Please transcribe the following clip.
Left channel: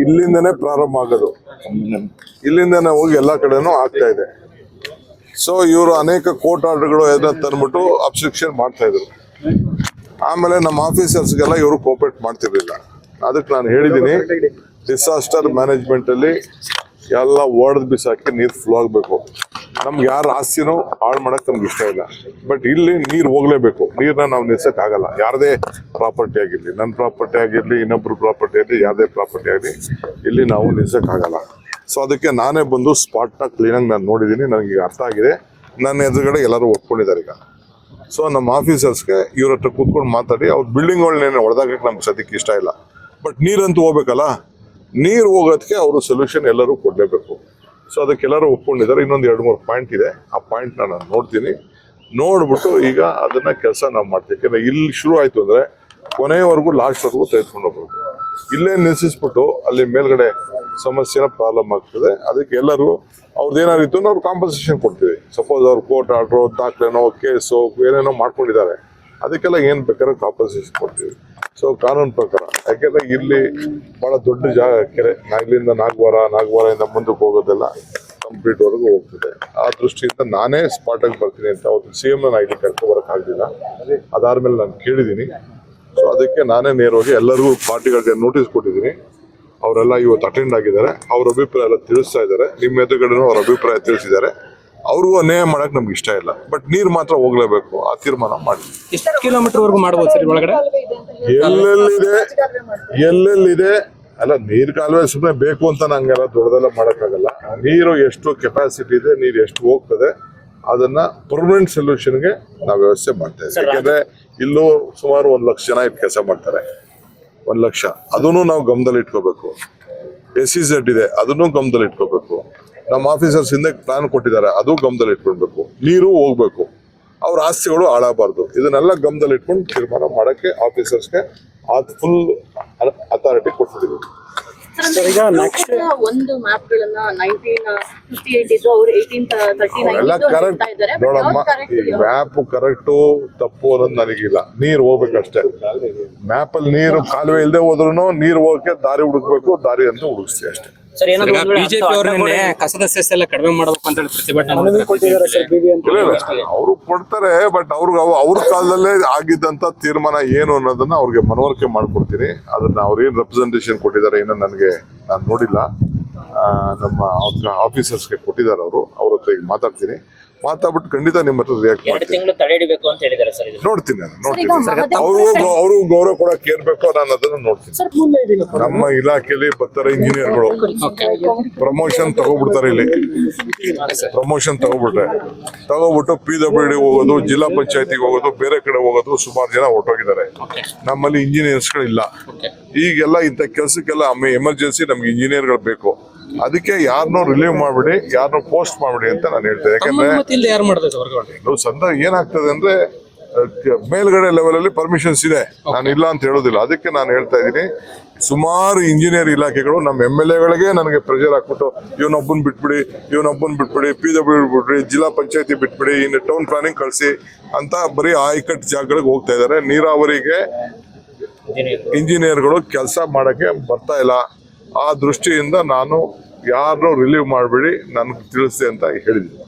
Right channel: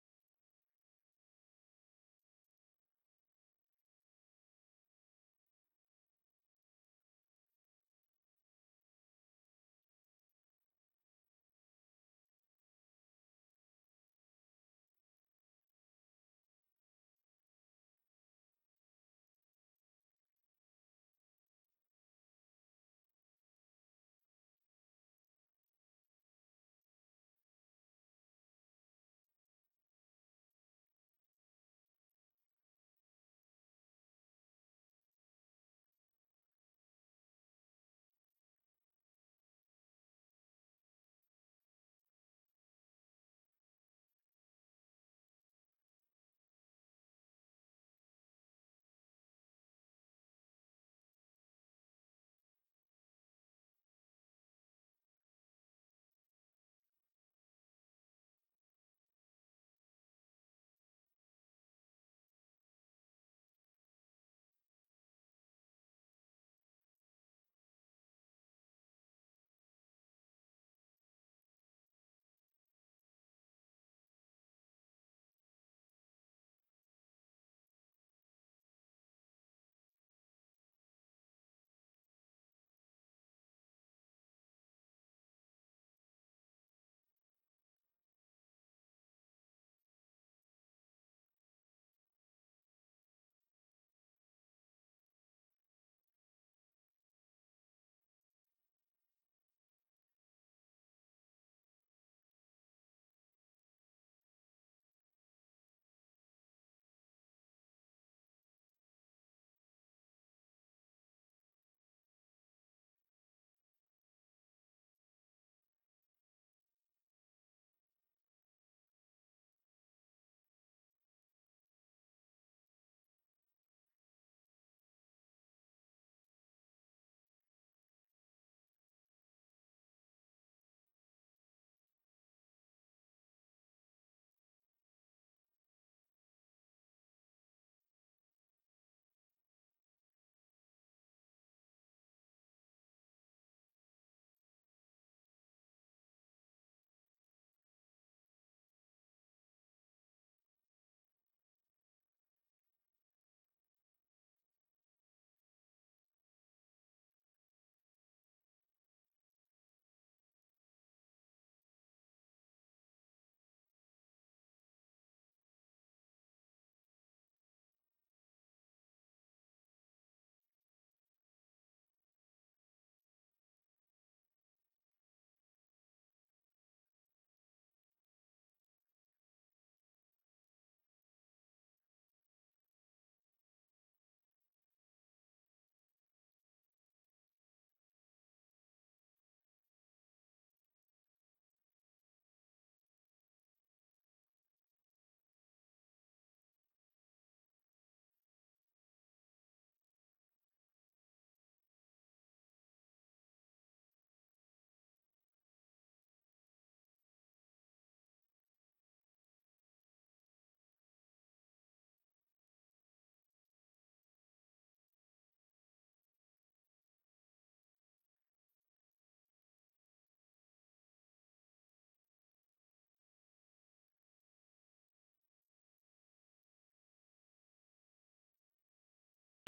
ಇಲ್ಲಿಂದನೇ ಪ್ರಾರಂಭ ಆಗೋದು, ಇಲ್ಲಿಂದನೇ ಹೋಗಿ ಎಲ್ಲ ಕಡೆನೂ ಆಗ್ತಾ ಇದೆ. ಸೊ ಇವರು ಅನೇಕ ಕೋರ್ಟ್ ಆರ್ಡರ್ಗಳು ತಂದ್ಬಿಟ್ಟು ಅಬ್ಸ್ಟ್ರಕ್ಷನ್ ಮಾಡ್ತಾ ಇದ್ರು. ಆಮೇಲೆ ನಮ್ಮ ಆಫೀಸರ್ಸ್ಗೆಲ್ಲ ಇವರು ಕೋಪರೇಟ್ ಮಾಡ್ತಿರ್ಲಿಲ್ಲ. ಅದಕ್ಕೆ ನಾನು ಹೇಳಿದ್ದೀನಿ, ಡಿಸಾಸ್ಟರ್ ಮ್ಯಾನೇಜ್ಮೆಂಟ್ ಅಲ್ಲಿ ಎಲ್ಲ ಒಡೆದು ಬಿಸಾಕಿ ನೀರು ಫ್ಲೋ ಆಗಬೇಕು. ನಮ್ಗೆ ಯಾರ ಆಸ್ತಿನೂ ಹಾಳು ಮಾಡಕ್ ನಮ್ಗೆ ಇಷ್ಟ ಇಲ್ಲ. ಬಟ್ ಇಲ್ಲಿ ನೀರು ಹೋಗ್ಲೇಬೇಕು. ನೀರನ್ನ ನಾವು ನಿಲ್ಸಕ್ಕಾಗಲ್ಲ. ಯಾರದೇ ಪ್ರಾಪರ್ಟಿ ಆಗಿರ್ಲಿ, ನನ್ನ ಪ್ರಾಪರ್ಟಿ ಆಗಿರ್ಲಿ, ಇನ್ನೊಬ್ರು ಪ್ರಾಪರ್ಟಿ ಆಗಲಿ, ಯಾರದೇ ಪ್ರಾಪರ್ಟಿ ಆಗಲಿ, ಇಲ್ಲಿ ನಾವು ನಿಲ್ಸಕ್ಕಾಗಲ್ಲ. ಸೊ ಅದಕ್ಕೆ ನಾನೇ ಬಂದು ಸ್ಪಾಟ್ನ ಕ್ಲೀನಾಗಿ ನಾನು ನೋಡಿದ್ದೀನಿ. ನನಗೆ ಅರ್ಥ ಆಗಿದೆ. ನನ್ನ ಎದುರುಗಡೆ ಎಲ್ಲರೂ ಒಪ್ಕೊಂಡಿದ್ದಾರೆ ಈಗ. ಸೊ ನಮ್ಮ ಆಫೀಸರ್ಸ್ಗೆ ಇವ್ರ ಹತ್ರ ಕೂತ್ಕೊಂಡು ಮಾತಾಡಿ ಅವ್ರ ಬಿಲ್ಡಿಂಗ್ಗಳನ್ನೇನು ಹೊಡೆದಾಕಕ್ಕೆ ನಮ್ಗೆ ಸದ್ಯಕ್ಕೆ ಇಷ್ಟ ಇಲ್ಲ. ಬಟ್ ನೀರಂತೂ ಹೋಗ್ಬೇಕಲ್ಲ, ನೀರು ಹೋಗೋದಕ್ಕೆ ಅವರು ಸೊಲ್ಯೂಷನ್ ಎಲ್ಲರೂ ಕೊಡಲೇಬೇಕು. ಸೊ ಅದಕ್ಕೆಲ್ಲರೂ ಒಪ್ಕೊಂಡಿದ್ದಾರೆ. ಇನ್ನೊಂದು 2-3 ಪಾಯಿಂಟ್ ಇದೆ. ಆ ಪಾಯಿಂಟ್ನ ನಾನು ನೋಡ್ತೀನಿ. ನೋಡ್ಬಿಟ್ಟು ಈಗ ಅದನ್ನ ಕೆಲಸ ನಾವು ಮಾಡ್ತೀವಿ. ಯಾಕಂದ್ರೆ ಇಲ್ಲಿ ಶುರು ಆಯ್ತು ಅಂದ್ರೆ ಕೊನೆಯವರೆಗೂ ಲಾಸ್ಟ್ವರೆಗೂ ತೆಗೆದುಕೊಂಡು ಹೋಗ್ಬೇಕು. ಇಲ್ಲೇ ನಿಲ್ಲಿಸ್ಬಿಟ್ಟು ಅಲ್ಲಿ ಮೇಲ್ಗಡೆ ಸಮಸ್ಯೆನ ಪ್ರಾಬ್ಲಮ್ ಆಗ್ತದೆ. ಅದಕ್ಕೆ ಎಲ್ಲರೂ ಅವ್ರದ್ದೇನಾದ್ರು ಇತ್ತು ಅವ್ರು ಕಾಂಪನ್ಸೇಷನ್ ಕೊಡ್ತೀವಿ. ಸಪೋಸ್ ಅವ್ರು ಕೋರ್ಟ್ ಆರ್ಡ್ರು, ದಾಖಲೆನೋ, ಕೇಸು ಏನೇನೋ ಮಾಡ್ಕೊಂಡಿದ್ದಾರೆ, ಅದಕ್ಕೆಲ್ಲ ಏನು ಬೇಕಾದ್ರೂ ಕಾಂಪನ್ಸೇಷನ್ ಕೊಡ್ತೀವಿ. ಸೊ ಕಾನೂನು ಪ್ರಕಾರ, ಯಾಕೆಂದ್ರೆ ಇಲ್ಲಿ ಬಹಳ ದೊಡ್ಡ ಜಾಗ ಕೆರೆ, ಇಲ್ಲಿಂದ ನಾಗವಾರದಿಂದ ಮುಂದಕ್ಕೆ ಹೋಗೋದೆಲ್ಲ ಕಂಪ್ಲೀಟ್ ವರೆಗೂ ಹೋಗ್ತದೆ. ಆ ದೃಷ್ಟಿಯಿಂದ ನಾನೇ ಸ್ಪಾಟಾಗಿ ಬರ್ತೀನಿ ಅಂತ ಅವತ್ತು CM ನಾನು ಇಲ್ಲಿ ಕರ್ಕೊಂಡು ಬರೋಕ್ಕಾಗಲಿಲ್ಲ. ಅದಾದ್ಮೇಲೆ ನಾನು ಕೇಳಿದ್ದೀನಿ. ಸೊ ಅದಕ್ಕೆ ನಾನೇ ನೇರವಾಗಿ ಎಲ್ಲರಿಗೂ ಪಾರ್ಟಿಗಳಿಗೆ ನೋಟಿಸ್ ಕೊಟ್ಟಿದ್ದೀನಿ. ಅವರೆಲ್ಲ ಇವತ್ತು ಅಟೆಂಡ್ ಆಗಿದ್ದಾರೆ. ಅವ್ರ ಅಭಿಪ್ರಾಯ ಎಲ್ಲ ತಿಳಿಸ್ತಾ ಇದ್ದಾರೆ. ನಿಮ್ಮ ಎದುರುಗಡೆನೂ ಅವ್ರ ಅಭಿಪ್ರಾಯ ತಿಳಿಸಿದ್ದಾರೆ. ಅವ್ರಿಗೂ ಅನ್ಯಾಯ ಮಾಡಕ್ ನಮ್ಗೆ ಇಷ್ಟ ಇಲ್ಲ. ಬಟ್ ನೀರು ಮಾತ್ರ ಹೋಗ್ಲೇಬೇಕು. ಆ ತೀರ್ಮಾನ ಮಾಡಿ. ಎಷ್ಟು ಕಿಲೋಮೀಟರ್ ವರೆಗೂ ಮಾಡಬಹುದು ಸರ್ ಒಳಗಡೆ? ಎಲ್ಲೆಲ್ಲಿದೆ ಅಲ್ಲ, ನೀರ್ ಕಾಲುವೆ ಸುಮ್ಮನೆ ಬೇಕು ಅಂತ ನಂಗೆಲ್ಲ ದೊಡ್ಡದೆಲ್ಲ ಮಾಡಕ್ಕಾಗಲ್ಲ. ನೀರು ಎಷ್ಟು ಕೆಪಾಸಿಟಿ ಇದೆ, ನೀರು ಎಷ್ಟು ಹೋಗ್ತದೆ, ಅದನ್ನ ಪರ್ಮನೆಂಟ್ ಸೊಲ್ಯೂಷನ್ಗೆ ನಾವು ವ್ಯವಸ್ಥೆ ಮಾಡ್ತಾ ಇದ್ದೀವಿ. ಯಾಕಂದ್ರೆ ಇಲ್ಲೂ ಸುಮಾರು 1 ಲಕ್ಷ ಜನ ಇಲ್ಲಿ ಕೆಲಸ ಮಾಡ್ತಾರೆ. 1 ಲಕ್ಷ, ಅದನ್ನು ನಾವು ಗಮನದಲ್ಲಿ ಇಟ್ಕೋಬೇಕು. SEZ ಇದೆ, ಅದನ್ನು ಗಮನದಲ್ಲಿ ಇಟ್ಕೋಬೇಕು. ನಮ್ಮ ಆಫೀಸರ್ಸ್ ಹಿಂದೆ ಪ್ಲಾನ್ ಕೊಟ್ಟಿದ್ದಾರೆ, ಅದು ಗಮನದಲ್ಲಿ ಇಟ್ಕೊಳ್ಬೇಕು. ನೀರು ಹೋಗ್ಬೇಕು, ಅವ್ರ ಆಸ್ತಿಗಳು ಹಾಳಾಗಬಾರ್ದು. ಇದನ್ನೆಲ್ಲ ಗಮನದಲ್ಲಿ ಇಟ್ಕೊಂಡು ತೀರ್ಮಾನ ಮಾಡಕ್ಕೆ ಆಫೀಸರ್ಸ್ಗೆ ಫುಲ್ ಅಥಾರಿಟಿ ಕೊಟ್ಟಿದ್ದೀವಿ. ಒಂದು ಮ್ಯಾಪ್ಗಳನ್ನ 1958 ಇದ್ದು ಅವರು 1839 ಎಲ್ಲ ಕರೆಕ್ಟ್ ನೋಡಮ್ಮ. ಈ ಮ್ಯಾಪ್ ಕರೆಕ್ಟು ತಪ್ಪು ಅನ್ನೋದು ನನಗಿಲ್ಲ. ನೀರು ಹೋಗ್ಬೇಕಷ್ಟೇ. ಮ್ಯಾಪ್ ಅಲ್ಲಿ ನೀರು ಕಾಲುವೆ ಇಲ್ಲದೆ ಹೋದ್ರು ನೀರು ಹೋಗಕ್ಕೆ ದಾರಿ ಹುಡುಕ್ಬೇಕು. ದಾರಿ ಅಂತ ಹುಡುಕ್ತೀವಿ ಅಷ್ಟೇ. ಬಿಜೆಪಿ ಅವರು ನಿನ್ನೆ ಕಸದ ಸೆಸ್ ಎಲ್ಲ ಕಡಿಮೆ ಮಾಡಬೇಕು ಅಂತ ಪ್ರತಿಭಟನೆ ಅವರು ಕೊಡ್ತಾರೆ. ಬಟ್ ಅವ್ರ ಕಾಲದಲ್ಲೇ ಆಗಿದ್ದಂತ ತೀರ್ಮಾನ ಏನು ಅನ್ನೋದನ್ನ ಅವ್ರಿಗೆ ಮನವರಿಕೆ ಮಾಡ್ಕೊಡ್ತೀನಿ. ಅದನ್ನ ಅವ್ರೇನ್ ರೆಪ್ರೆಸೆಂಟೇಷನ್ ಕೊಟ್ಟಿದ್ದಾರೆ ಏನೋ ನಾನು ನೋಡಿಲ್ಲ. ನಮ್ಮ ಆಫೀಸರ್ಸ್ಗೆ ಕೊಟ್ಟಿದ್ದಾರೆ ಅವರು. ಅವ್ರ ಹತ್ರ ಈಗ ಮಾತಾಡ್ತೀನಿ. ಮಾತಾಡ್ಬಿಟ್ಟು ಖಂಡಿತ ನಿಮ್ಮ ಹತ್ರ ರಿಯಾಕ್ಟ್ ಮಾಡ್ತೀನಿ. ನೋಡ್ತೀನಿ ಅವರು ಗೌರವ ಕೊಡಕ್ಕೆ ಏರ್ಬೇಕು, ನಾನು ಅದನ್ನ ನೋಡ್ತೀನಿ. ನಮ್ಮ ಇಲಾಖೆಯಲ್ಲಿ ಬರ್ತಾರೆ ಇಂಜಿನಿಯರ್ಗಳು, ಪ್ರಮೋಷನ್ ತಗೋಬಿಡ್ತಾರೆ. ಇಲ್ಲಿ ಪ್ರಮೋಷನ್ ತಗೋಬಿಟ್ಟು PWD ಹೋಗೋದು, ಜಿಲ್ಲಾ ಪಂಚಾಯತಿಗೆ ಹೋಗೋದು, ಬೇರೆ ಕಡೆ ಹೋಗೋದು, ಸುಮಾರು ಜನ ಹೊರಟೋಗಿದ್ದಾರೆ. ನಮ್ಮಲ್ಲಿ ಇಂಜಿನಿಯರ್ಸ್ಗಳಿಲ್ಲ. ಈಗೆಲ್ಲ ಇಂಥ ಕೆಲಸಕ್ಕೆಲ್ಲ ಎಮರ್ಜೆನ್ಸಿ ನಮ್ಗೆ ಇಂಜಿನಿಯರ್ಗಳು ಬೇಕು. ಅದಕ್ಕೆ ಯಾರನ್ನೋ ರಿಲೀವ್ ಮಾಡ್ಬಿಡಿ, ಯಾರನ್ನೋ ಪೋಸ್ಟ್ ಮಾಡ್ಬಿಡಿ ಅಂತ ನಾನು ಹೇಳ್ತೇನೆ. ಯಾಕಂದ್ರೆ ಏನಾಗ್ತದೆ ಅಂದ್ರೆ ಮೇಲ್ಗಡೆ ಲೆವೆಲ್ ಅಲ್ಲಿ ಪರ್ಮಿಷನ್ಸ್ ಇದೆ, ನಾನು ಇಲ್ಲ ಅಂತ ಹೇಳೋದಿಲ್ಲ. ಅದಕ್ಕೆ ನಾನು ಹೇಳ್ತಾ ಇದ್ದೀನಿ, ಸುಮಾರು ಇಂಜಿನಿಯರ್ ಇಲಾಖೆಗಳು ನಮ್ಮ MLAಗಳಿಗೆ ನನಗೆ ಪ್ರೆಷರ್ ಹಾಕ್ಬಿಟ್ಟು ಇವನೊಬ್ಬನ್ ಬಿಟ್ಬಿಡಿ, PWD ಬಿಟ್ಬಿಡಿ, ಜಿಲ್ಲಾ ಪಂಚಾಯತಿ ಬಿಟ್ಬಿಡಿ, ಇನ್ನು ಟೌನ್ ಪ್ಲಾನಿಂಗ್ ಕಳಿಸಿ ಅಂತ ಬರೀ ಆಯ್ಕಟ್ಟು ಜಾಗಗಳಿಗೆ ಹೋಗ್ತಾ ಇದ್ದಾರೆ. ನೀರಾವರಿಗೆ ಇಂಜಿನಿಯರ್ಗಳು ಕೆಲಸ ಮಾಡಕ್ಕೆ ಬರ್ತಾ ಇಲ್ಲ. ಆ ದೃಷ್ಟಿಯಿಂದ ನಾನು ಯಾರನ್ನೂ ರಿಲೀವ್ ಮಾಡಬೇಡಿ, ನನಗೆ ತಿಳಿಸಿ ಅಂತ ಹೇಳಿದ್ದೀನಿ.